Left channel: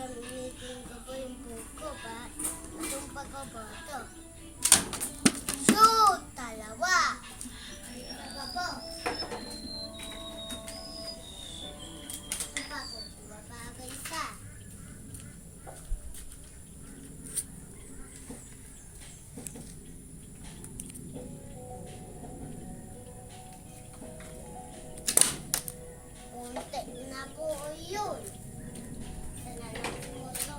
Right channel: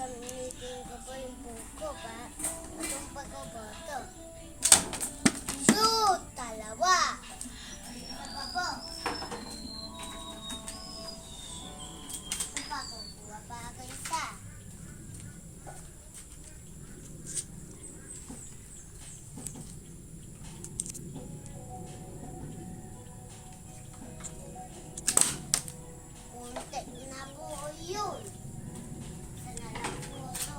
Gamitin ko po yung buko pa. Natumpa ko po ito. Shoot! Dalawa! Isa po. Isa pa po. Kuha pa ako isa. Punti na po yun. Isa na lang po ito.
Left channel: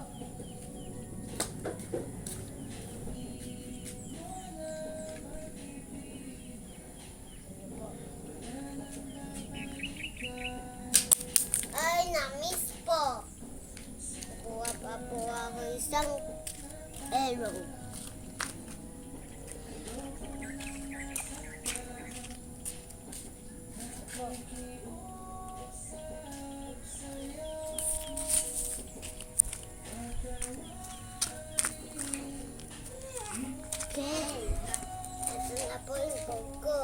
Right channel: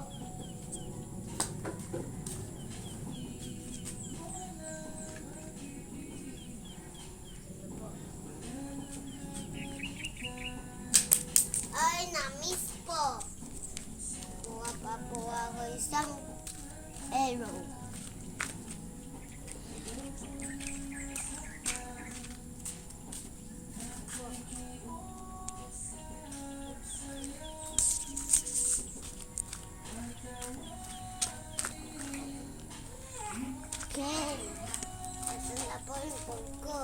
Ay, na-miss po. Kuha pa po ako isang arrow. Okay. Ito na po yung buko.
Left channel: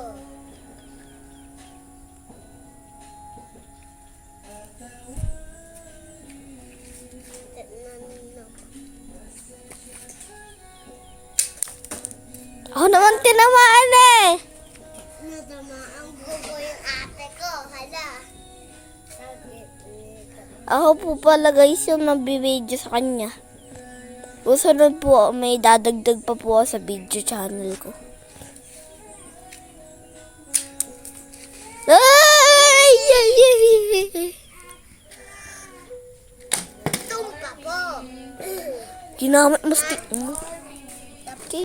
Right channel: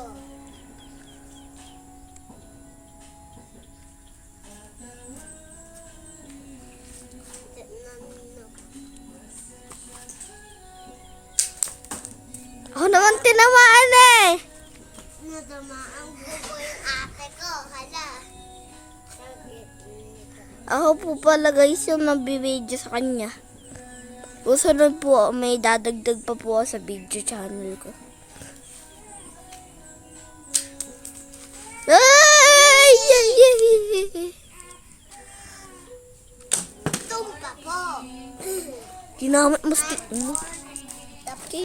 Ako naman tinamaan eh. Natamaan ko po yung ate ko. Hala. Ako po pala guys yung nabibideo sa kanya. Susunod po, may dadagdag pa po ako sa video channel ko. Ay! Tumpa po. Ginamit mo stick mo.